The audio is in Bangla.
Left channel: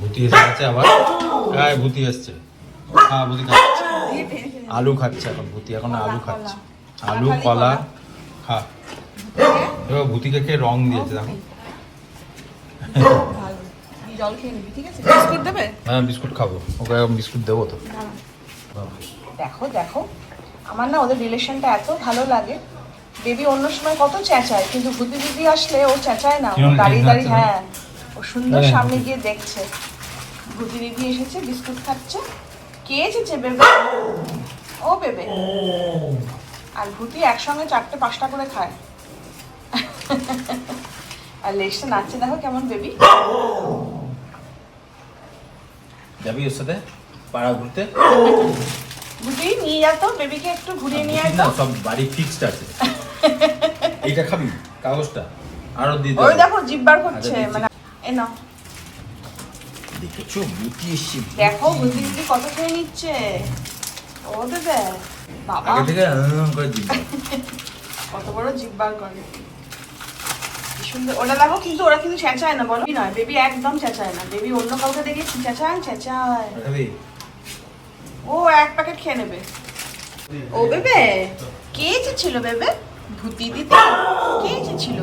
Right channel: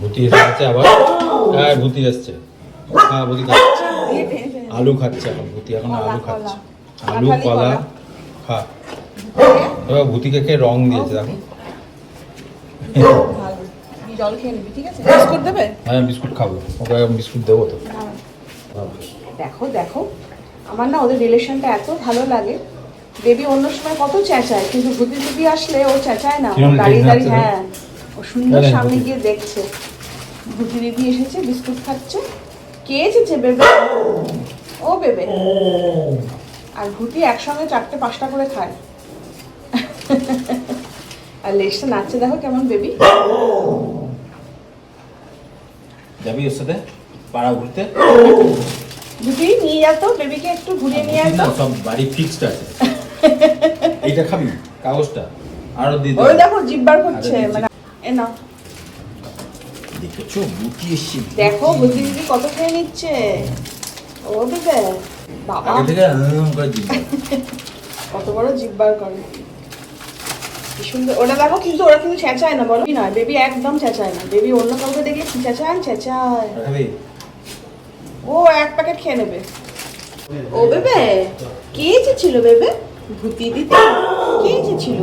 ভূতি এসে গেছে আবার? হ্যাঁ ভূতি এসছে। হ্যাঁ ভূতি আলু খাচ্ছে এখন ভূতি এখন আলু খাচ্ছে। আলু কলা। খা এবার ভূতিকে খেয়ে রং দিয়েছে দেখো। জল খেয়ে নিবি ঠিক আছে? বিস্কুট দেবে? হ্যাঁ বিস্কুট খাব। ওকে বিস্কুট দেবো তো। দেখো দেখো। আমার না ওদের রিলেশনটা এত ভালো লাগে। বেবি অন্য সময় কত চেঁচায় কিন্তু বুদ্ধি বুদ্ধি আসলে ও চেঁচায় না। দাঁড়িয়ে দাঁড়িয়ে হ্যাঁ। সুন্দর হ্যাঁ, সামনে গিয়ে দেখছে। এসেছে বিস্কুট খাচ্ছে। কে এসেছে বেবে? ও বেবে। আর একসঙ্গে চারটে পাঁচটা করে খায়। আর লেসে নাচছে দেখো কেমন বেবি। যাবি ওর সাথে? পাড়া ঘুরতে? ভুতি নিয়ে যা তো বেবিকে একটু ঘুরিয়ে নিয়ে না সব বাড়ি ফিক্সড আছে। এইটা খাবি কাগজটা। আরও দিয়ে দেবো দেখো জিব্বার করছে আচ্ছা, মানে এ নাও। দেখেছ? এসছে দেখো দিদি কত খেয়ে নিচ্ছে। ও দেবে। বাবা। আগে থেকে করে কত বড় জিব্বার করে। সুন্দর। ওরা দেখো কিন্তু ওরা কিন্তু চেঁচায় না বলো। নয় বেবি একদম চেঁচায় না। বেবি অন্য কাউকে দেখলে কি চেঁচায় চেঁচায় ও এক প্যাকেট খেয়ে নেবে। ও বেবে? কে ছিল বেবে? ভূতি কে ছিল